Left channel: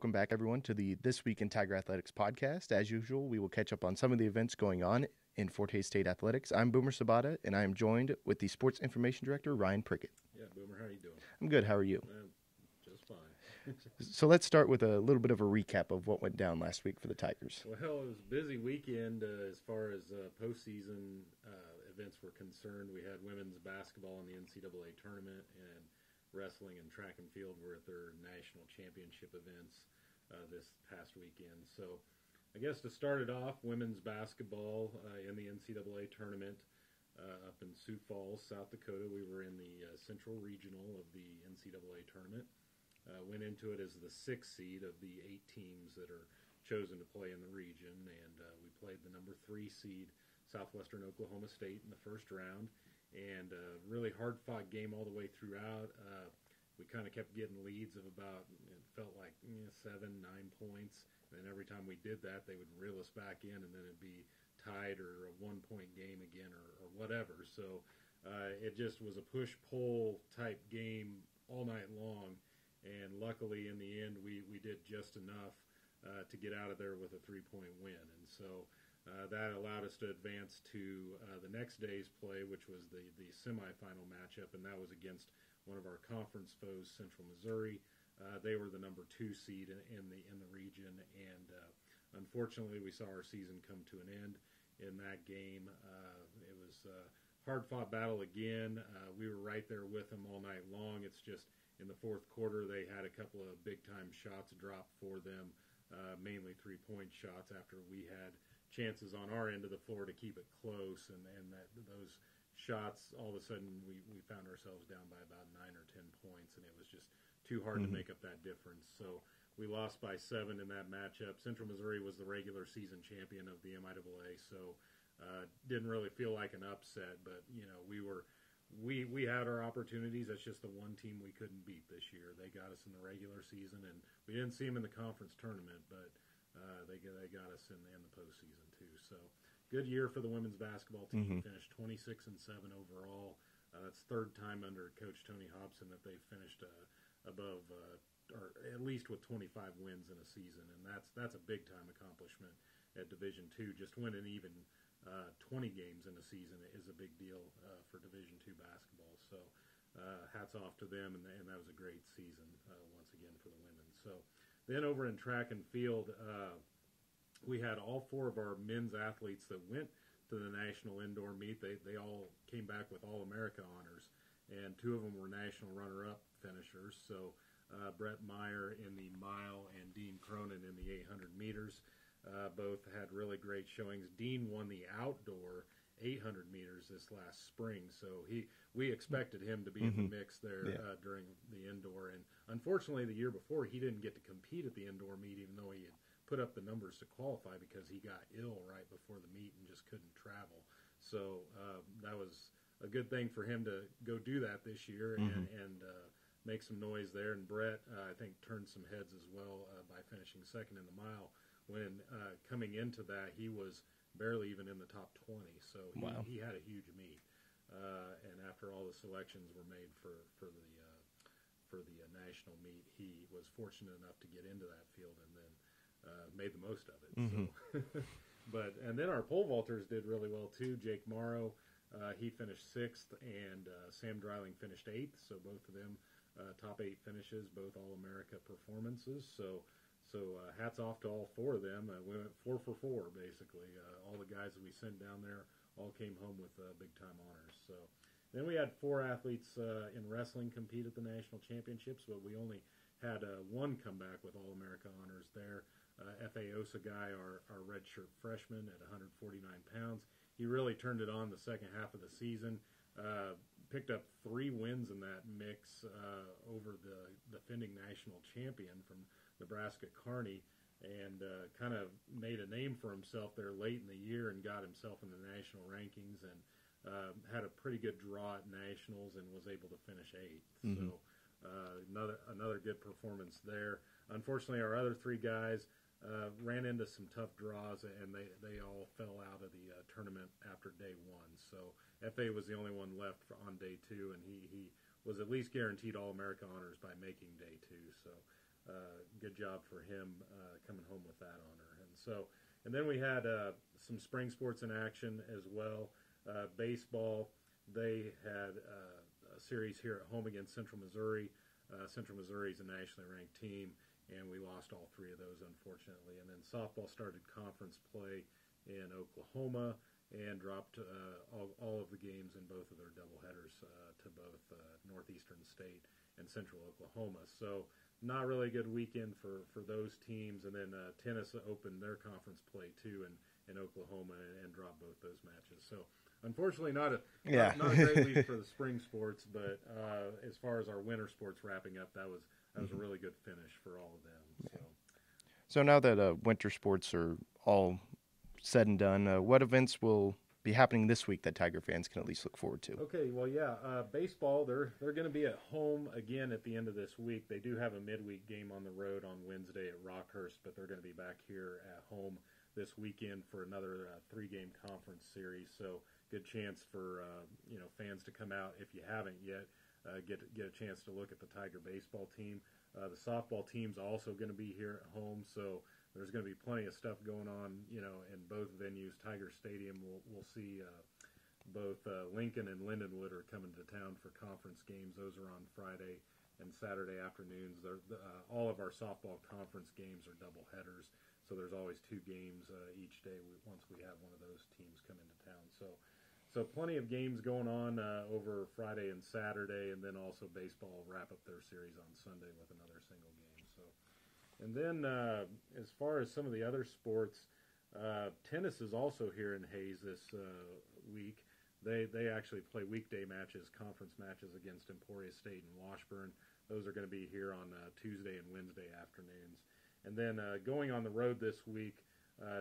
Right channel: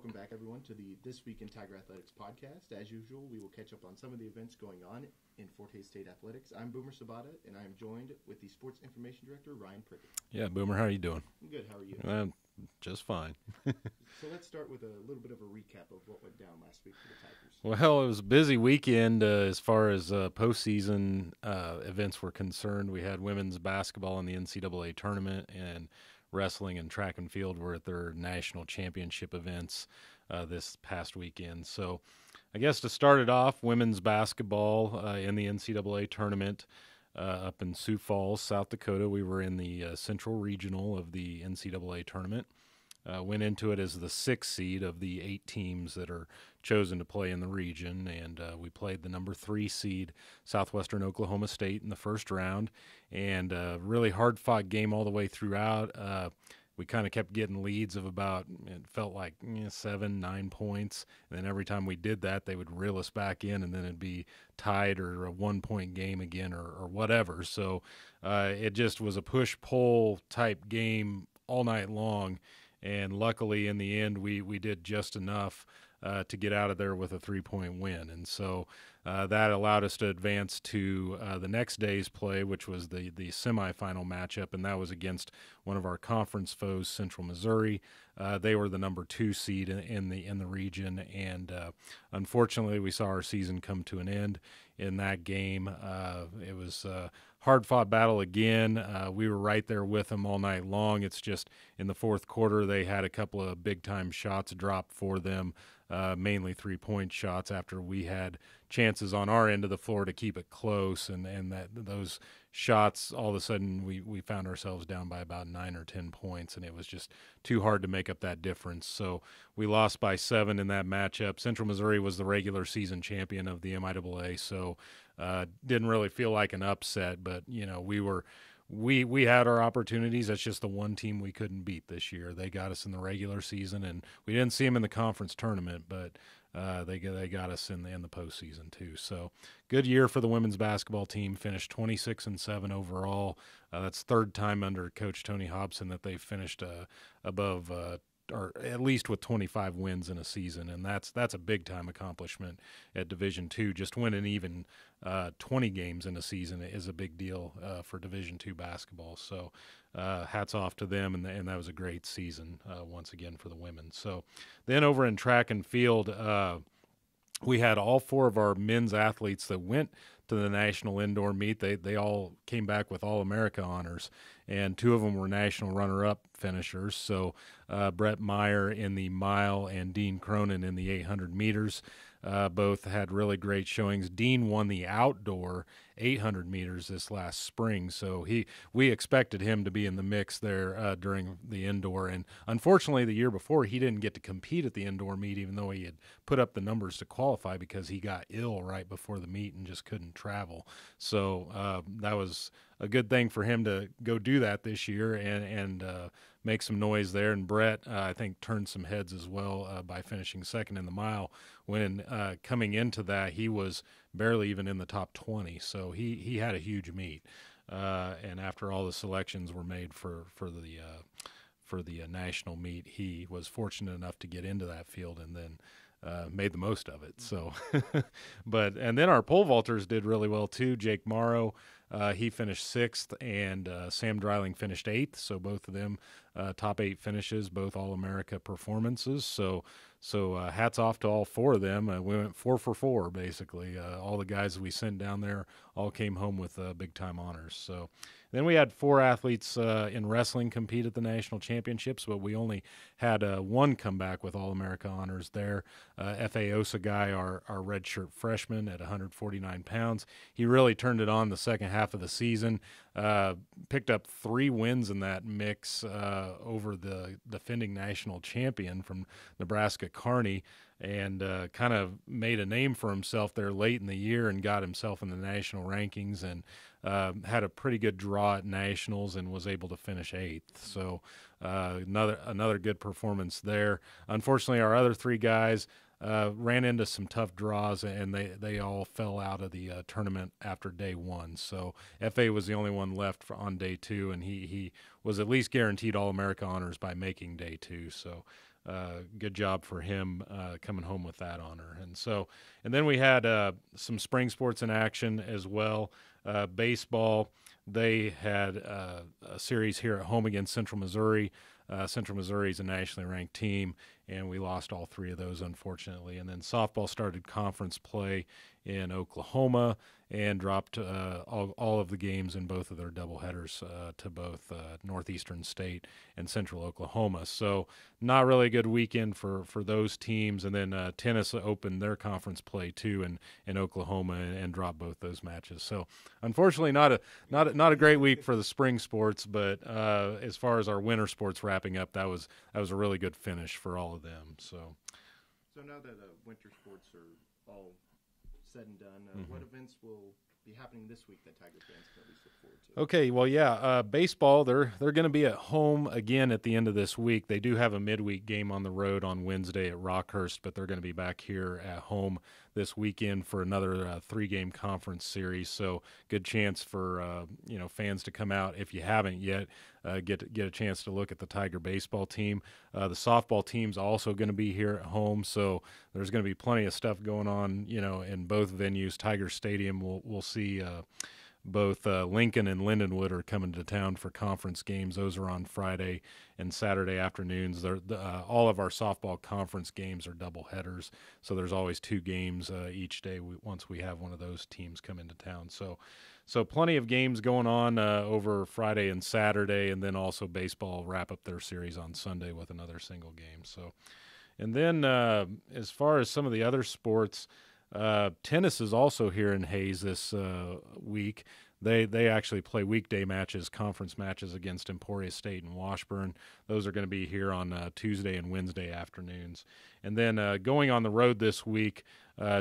Welcome back, everyone, to the This Week in Tiger Athletics podcast. As usual, we will catch up on some of the events going on in Forte State Athletics. I'm Boomer Sabata, and I am joined with the Sports Information Director, Ryan Prickett. Yeah, Boomer, how are you doing? I'm good. How are you? Just fine. So let's start with a little bit of a recap of what went down last week for the Tigers. Well, it was a busy weekend as far as postseason events were concerned. We had women's basketball in the NCAA tournament, and wrestling and track and field were at their national championship events this past weekend. So I guess to start it off, women's basketball in the NCAA tournament up in Sioux Falls, South Dakota. We were in the Central Regional of the NCAA tournament. Went into it as the 6th seed of the 8 teams that are chosen to play in the region, and we played the number 3 seed Southwestern Oklahoma State in the first round, and really hard-fought game all the way throughout. We kind of kept getting leads of about, it felt like 7, 9 points, and then every time we did that, they would reel us back in, and then it'd be tied or a 1-point game again or whatever. So it just was a push-pull type game all night long. And luckily, in the end, we did just enough to get out of there with a 3-point win. And so that allowed us to advance to the next day's play, which was the semifinal matchup, and that was against one of our conference foes, Central Missouri. They were the number 2 seed in the region, and unfortunately, we saw our season come to an end in that game. It was hard-fought battle again. We were right there with them all night long. It's just in the fourth quarter they had a couple of big-time shots drop for them, mainly 3-point shots after we had chances on our end of the floor to keep it close, and that those shots, all of a sudden we found ourselves down by about 9 or 10 points, and it was just too hard to make up that difference. So we lost by 7 in that matchup. Central Missouri was the regular season champion of the MIAA, so didn't really feel like an upset, but we had our opportunities. That's just the one team we couldn't beat this year. They got us in the regular season, and we didn't see them in the conference tournament, but they got us in the postseason too. So good year for the women's basketball team. Finished 26-7 overall. That's third time under Coach Tony Hobson that they finished above or at least with 25 wins in a season, and that's a big time accomplishment at Division II. Just winning even 20 games in a season is a big deal for Division II basketball. So hats off to them, and that was a great season once again for the women. So then over in track and field, we had all 4 of our men's athletes that went to the national indoor meet. They all came back with All-America honors, and 2 of them were national runner-up finishers. So Brett Meyer in the mile and Dean Cronin in the 800 meters. Both had really great showings. Dean won the outdoor 800 meters this last spring, so we expected him to be in the mix there during the indoor. And unfortunately, the year before, he didn't get to compete at the indoor meet, even though he had put up the numbers to qualify, because he got ill right before the meet and just couldn't travel. So that was a good thing for him to go do that this year and make some noise there. And Brett, I think, turned some heads as well by finishing second in the mile, when coming into that, he was barely even in the top 20. So he had a huge meet. And after all the selections were made for the national meet, he was fortunate enough to get into that field and then made the most of it. So, and then our pole vaulters did really well too. Jake Morrow, he finished 6th, and Sam Dreiling finished 8th. So both of them top 8 finishes, both All-America performances. So hats off to all 4 of them. We went 4 for 4 basically. All the guys we sent down there all came home with big time honors. So then we had 4 athletes in wrestling compete at the national championships, but we only had 1 come back with All-America honors there. F.A. Osagai, our redshirt freshman at 149 pounds. He really turned it on the second half of the season. Picked up 3 wins in that mix over the defending national champion from Nebraska, Kearney, and kind of made a name for himself there late in the year and got himself in the national rankings, and had a pretty good draw at nationals and was able to finish 8th. So another good performance there. Unfortunately, our other 3 guys ran into some tough draws, and they all fell out of the tournament after day 1. So F.A. was the only one left on day 2, and he was at least guaranteed All-America honors by making day 2. So good job for him coming home with that honor. And then we had some spring sports in action as well. Baseball, they had a series here at home against Central Missouri. Central Missouri is a nationally ranked team, and we lost all three of those, unfortunately. And then softball started conference play in Oklahoma and dropped all of the games in both of their doubleheaders to both Northeastern State and Central Oklahoma. So not really a good weekend for those teams. And then tennis opened their conference play too in Oklahoma and dropped both those matches. So unfortunately, not a great week for the spring sports. But as far as our winter sports wrapping up, that was a really good finish for all of them. So now that winter sports are all said and done, what events will be happening this week that Tiger fans can at least look forward to? Okay, well, yeah, baseball, they're going to be at home again at the end of this week. They do have a midweek game on the road on Wednesday at Rockhurst, but they're going to be back here at home this weekend for another three-game conference series. So good chance for fans to come out if you haven't yet. Get a chance to look at the Tiger baseball team. The softball team's also going to be here at home, so there's going to be plenty of stuff going on, in both venues. Tiger Stadium, we'll see both Lincoln and Lindenwood are coming to town for conference games. Those are on Friday and Saturday afternoons. All of our softball conference games are double headers, so there's always two games each day once we have one of those teams come into town. So plenty of games going on over Friday and Saturday, and then also baseball wrap up their series on Sunday with another single game. So, and then as far as some of the other sports, tennis is also here in Hayes this week. They actually play weekday matches, conference matches against Emporia State and Washburn. Those are going to be here on Tuesday and Wednesday afternoons. And then going on the road this week,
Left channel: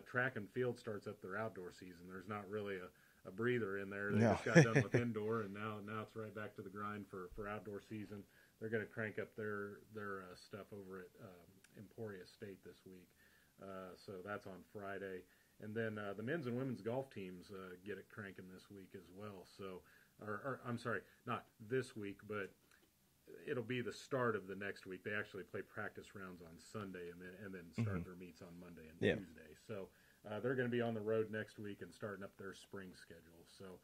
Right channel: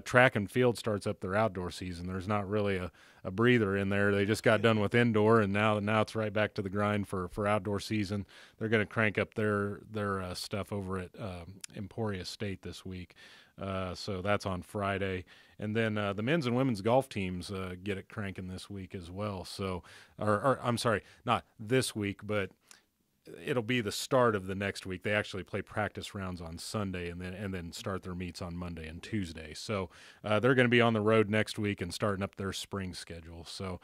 track and field starts up their outdoor season. There's not really a breather in there. They just got done with indoor, and now it's right back to the grind for outdoor season. They're going to crank up their stuff over at Emporia State this week. So that's on Friday. And then the men's and women's golf teams get it cranking this week as well. So, or I'm sorry, not this week, but it'll be the start of the next week. They actually play practice rounds on Sunday and then start their meets on Monday and Tuesday. So they're going to be on the road next week and starting up their spring schedule. So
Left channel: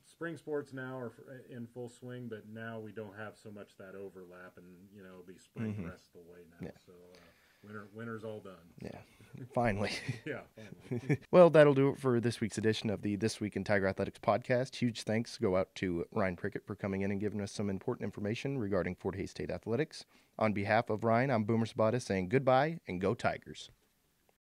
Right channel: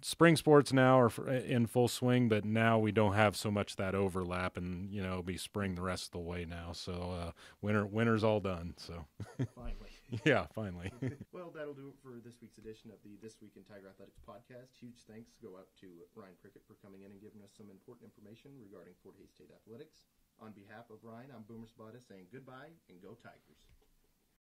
spring sports now are in full swing, but now we don't have so much that overlap, and it'll be spring the rest of the way now. So winter's all done. So Finally. Yeah, finally. Well, that'll do it for this week's edition of the This Week in Tiger Athletics podcast. Huge thanks go out to Ryan Prickett for coming in and giving us some important information regarding Fort Hays State athletics. On behalf of Ryan, I'm Boomer Sabata saying goodbye and go Tigers.